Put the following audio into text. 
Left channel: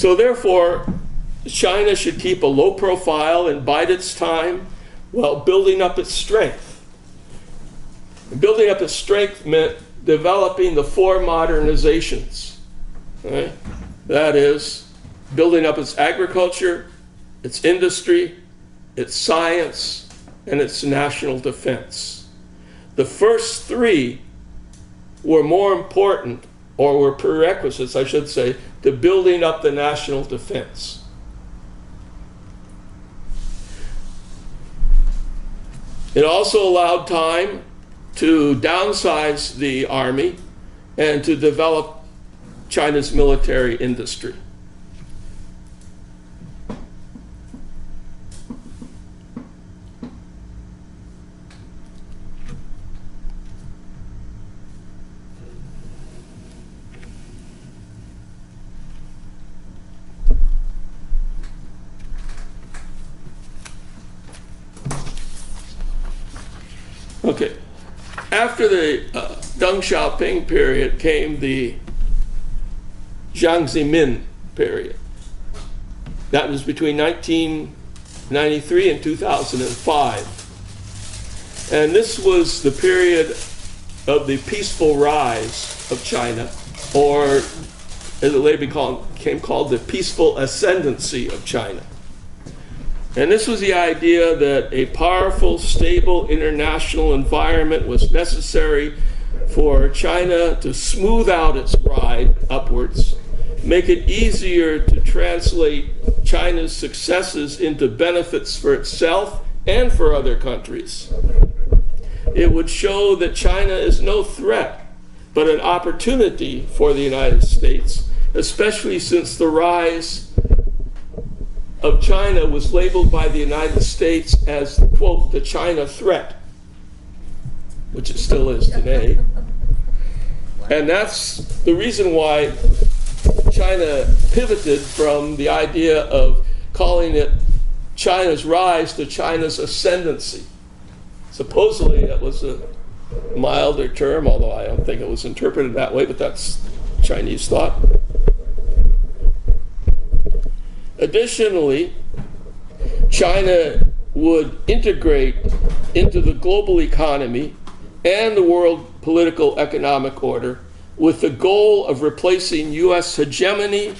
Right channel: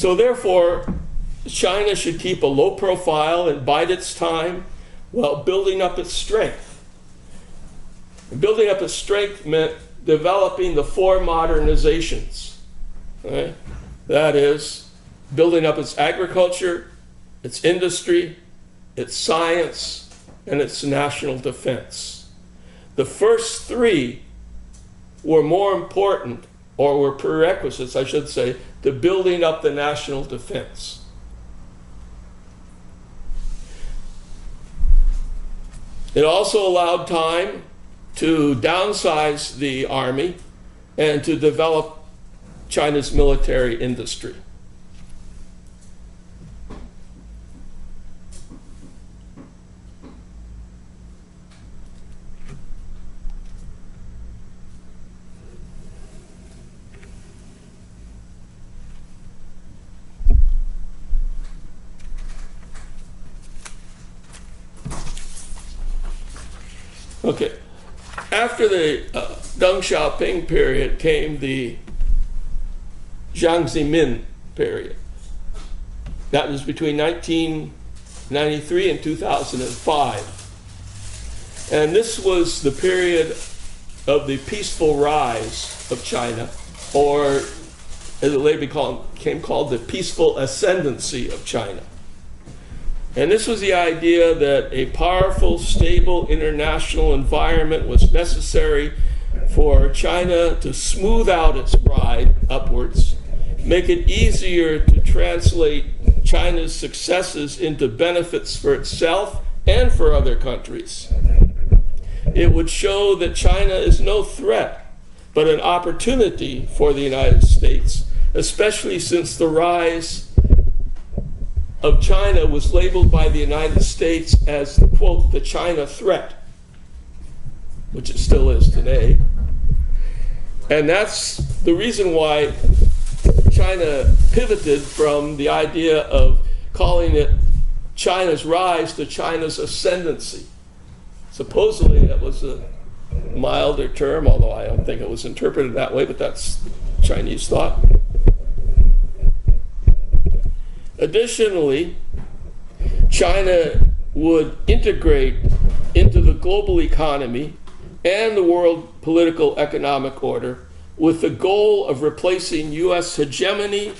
So therefore, China should keep a low profile and bide its time while building up its strength. And building up its strength meant developing the four modernizations. Right? That is, building up its agriculture, its industry, its science, and its national defense. The first three were more important, or were prerequisites, I should say, to building up the national defense. It also allowed time to downsize the army and to develop China's military industry. Okay, after the Deng Xiaoping period came the Jiang Zemin period. That was between 1993 and 2005. And this was the period of the peaceful rise of China, or as it later became called, the peaceful ascendancy of China. And this was the idea that a powerful, stable international environment was necessary for China to smooth out its ride upwards, make it easier to translate China's successes into benefits for itself and for other countries. It would show that China is no threat, but an opportunity for the United States, especially since the rise of China was labeled by the United States as, quote, the China threat, which it still is today. And that's the reason why China pivoted from the idea of calling it China's rise to China's ascendancy. Supposedly that was a milder term, although I don't think it was interpreted that way, but that's Chinese thought. Additionally, China would integrate into the global economy and the world political economic order with the goal of replacing US hegemony